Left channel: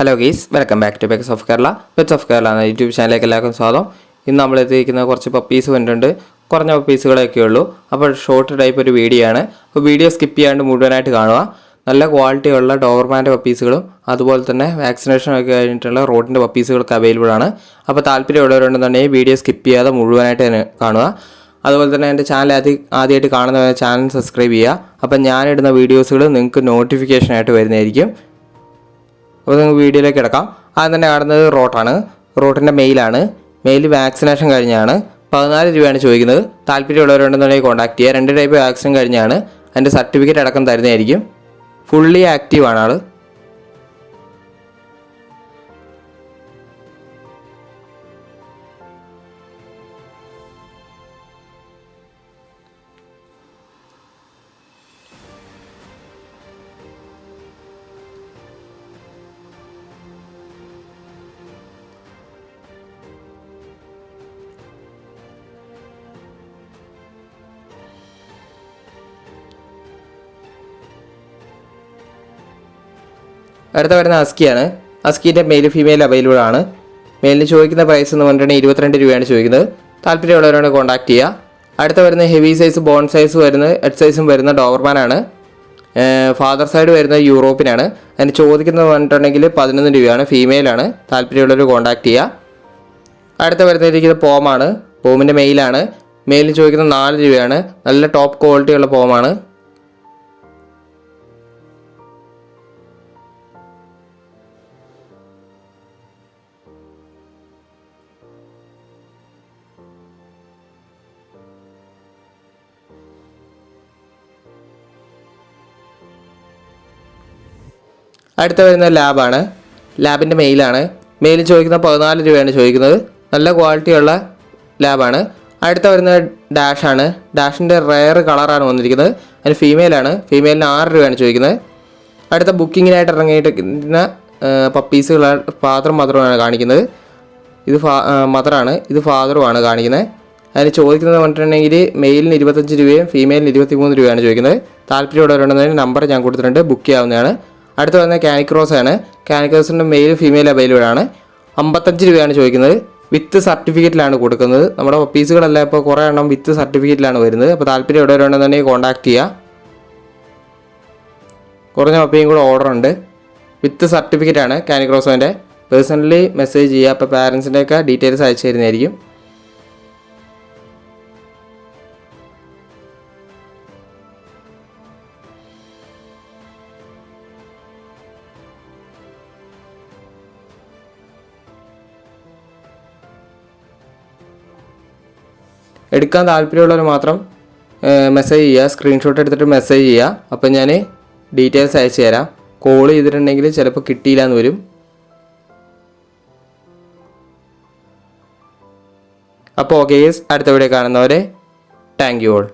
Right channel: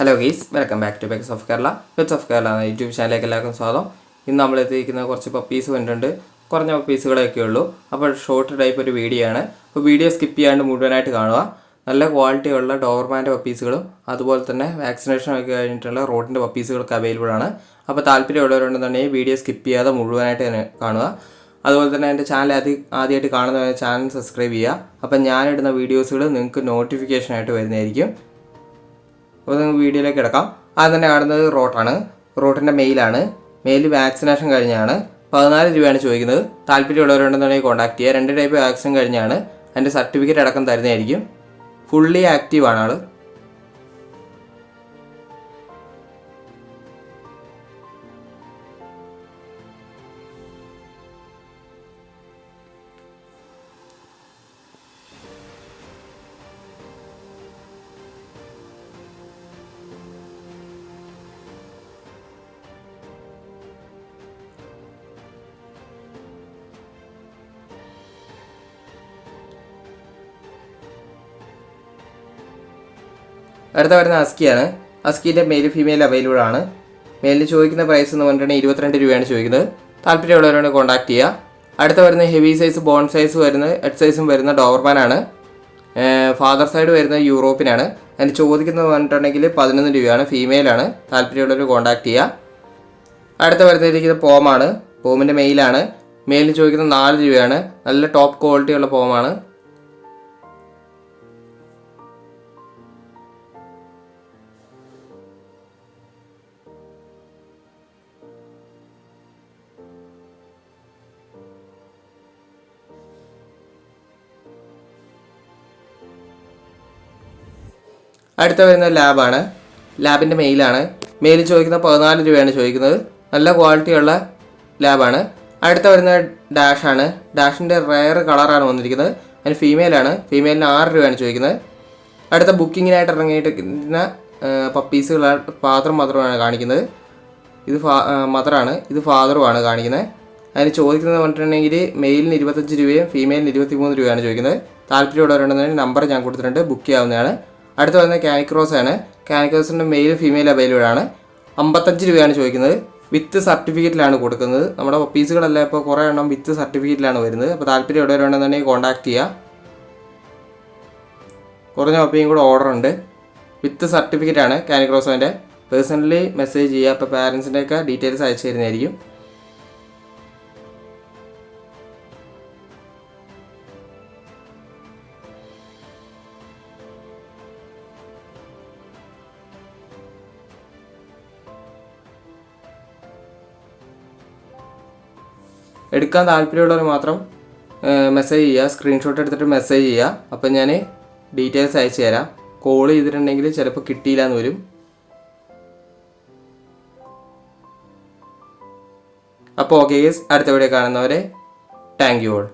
Hello guys, welcome back to pets of Kerala. Pets of Kerala എന്ന YouTube ചാനലിലേക്ക് എല്ലാവർക്കും സ്വാഗതം. ഇന്ന് നമ്മൾ എത്തിയിരിക്കുന്ന കുറച്ച് പപ്പീസ് വന്നിട്ടുണ്ട്. കുറഞ്ഞ പപ്പീസുകളൊക്കെ ഉള്ളൂ. അപ്പോൾ ഷോർട്ട് ടൈപ്പ് ഒരു വീഡിയോ ആണ്. അപ്പോൾ വീഡിയോ സ്കിപ്പ് ചെയ്യാണ്ട് മുഴുവനായിട്ട് കാണുക. നല്ല ക്വാളിറ്റിയുള്ള ഡോവർമാൻ്റെ പപ്പീസുകളും അതുപോലെ തന്നെ വാക്സിനേഷൻ ഒക്കെ കഴിഞ്ഞിട്ടുള്ള റോഡിൻ്റെ പപ്പീസുകളൊക്കെ അവൈലബിൾ ആണ്. അപ്പോൾ താല്പര്യമുള്ളവരുണ്ടെന്നുണ്ടെങ്കിൽ വീഡിയോ സ്കിപ്പ് ചെയ്യാതെ മുഴുവനായിട്ട് തന്നെ കാണുക. അതുപോലെ തന്നെ എൻ്റെ ചാനൽ ആദ്യമായിട്ട് കാണുന്ന ചാനൽ സബ്സ്ക്രൈബ് ചെയ്യുക. അപ്പം ഞാനിടുന്ന വീഡിയോസുകൾ നിങ്ങൾക്ക് നോട്ടിഫിക്കേഷനായിട്ട് വരുന്നതായിരിക്കും. അപ്പോൾ നിങ്ങൾക്ക് വീഡിയോയിലേക്ക് കിടക്കാം. ആദ്യം തന്നെ കാണുന്നത് റോട്ടാണ്. റോട്ടിൻ്റെ മെയിലാണ്. മെയിൽ വാക്സിനേഷൻ കഴിഞ്ഞാണ്. 14 രൂപയാണ് ചോദിക്കുന്നത്. താല്പര്യമുള്ളവരുണ്ടെന്നുണ്ടെങ്കിൽ കോൺടാക്ട് ചെയ്യുക. 2 ടൈപ്പ് വാക്സിൻ കഴിഞ്ഞാണ്. അതിൻ്റെ സർട്ടിഫിക്കറ്റ് അടക്കം തരുന്നതായിരിക്കും. ഫുള്ളി ആക്റ്റീവാണ് ആൾ. അടുത്ത വരുന്ന അസ്കിയാണ്. അസ്കീൻ്റെ മെയിൽ ഫീമെയിൽ അവൈലബിൾ ആണ്. മെയിലിന് ചോദിക്കുന്ന പ്രൈസ് എന്ന് പറഞ്ഞിട്ടുണ്ടെങ്കിൽ 22 രൂപയാണ് ചോദിക്കുന്നത്. താല്പര്യമുള്ളവരോട് കോൺടാക്ട് ചെയ്യുക. അടുത്ത വരുന്ന ഹെവി സൈസ് ബോൺ സൈസ് വരുന്ന എഡ് സൈസും വരുന്ന ഡോവർമാനാണ്. ഫാദർ സൈഡ് വരുന്ന യൂറോപ്പിനാണ്. അതിന് ചോദിക്കുന്നത് പറഞ്ഞിട്ടുണ്ടെങ്കിൽ 11 രൂപയാണ്. ഫീമെയിലാണ്. താല്പര്യമുള്ളവർ കോൺടാക്ട് ചെയ്യുക. അടുത്ത വരുന്നിരിക്കുന്നത് പോമാണ്. പോമിൻ്റെ മെയിലാണ്. മെയിലിന് ചോദിക്കുന്നത് 4 രൂപയാണ്. നല്ല ടോപ്പ് ക്വാളിറ്റിയുള്ള പോമാണ്. അടുത്ത വരുന്ന ലാബാണ്. ലാബിൻ്റെ മെയിലാണ്. മെയിൽ ചോദിക്കുന്ന 14 രൂപയാണ് ചോദിക്കുന്നത്. നല്ല ക്വാളിറ്റിയുള്ള ലാബാണ്. അടുത്ത വരുന്ന ഡാഷാണ്. ഡാഷിൻ്റെ റെയർ കളറാണ് വന്നിരിക്കുന്നത്. അതിന് ഫീമെയിലാണ്. ഫീമെയിലിന് 6 രൂപയാണ് ചോദിക്കുന്നത്. അടുത്ത ബുക്കിങ്ങിനായിട്ട് ഇറങ്ങിയിരിക്കുന്ന പപ്പീസുകൾ ഫാദറും മദറുമാണ് കാണിക്കുന്നത്. ഇത് മദറാണ്. ഇത് ഫാദറുമാണ് കാണിക്കുന്നത്. അതിന് ചോദിക്കുന്നത് പറഞ്ഞിട്ടുണ്ടെങ്കിൽ മെയിലിന് 25 രൂപയും ഫീമെയിലിന് 23 രൂപയാണ് ചോദിക്കുന്നത്. താല്പര്യമുള്ളവരുണ്ടെങ്കിൽ നമ്പർ ഞാൻ കൊടുത്തിട്ടുണ്ട്. ബുക്ക് ചെയ്യാവുന്നതാണ്. അടുത്ത വരുന്ന കാനിക്രോസ് ആണ്. കാനിക്രോസിൻ്റെ മെയിൽ ഫീമെയിൽ അവൈലബിൾ ആണ്. 55 രൂപയാണ് ചോദിക്കുന്നത്. വിത്ത് സർട്ടിഫിക്കറ്റിലാണ് കൊടുക്കുന്നത്. നമ്മുടെ പീസുകളെല്ലാം ഇപ്പോൾ കുറേ എണ്ണം വിത്ത് സർട്ടിഫിക്കറ്റിലാണ് വരുന്നത്. അപ്പോൾ താല്പര്യം എവിടെയുണ്ടെന്നുണ്ടെങ്കിൽ കോൺടാക്ട് ചെയ്യുക. കുറഞ്ഞ പപ്പിയും കൂടെ ഓർഡർ ഉണ്ട്. വിത്ത് സർട്ടിഫിക്കറ്റാണ് കാനിക്രോസിൻ്റെ. പേഴ്സണലി മെസ്സേജ് ചെയ്യുക. അപ്പോൾ പാരൻസിൻ്റെയൊക്കെ ഡീറ്റെയിൽസ് അയച്ചു തരുന്നതായിരിക്കും. എടുക്കാൻ താല്പര്യമുള്ളവർ മാത്രം മെസ്സേജ് ചെയ്യുക. സ്ക്രീൻഷോട്ട് എടുത്തിട്ട് മെസ്സേജ് ചെയ്യുക. അപ്പം ഞാൻ ഡീറ്റെയിൽസ് അയച്ചു തരാം. കോൾ ചെയ്തിട്ടുണ്ടെങ്കിൽ ചിലപ്പോൾ കിട്ടിയില്ല എന്ന് വരും. അപ്പോൾ ഓക്കെ, അടുത്ത വീഡിയോ കാണുന്നവരെ താങ്ക് യു ഓൾ.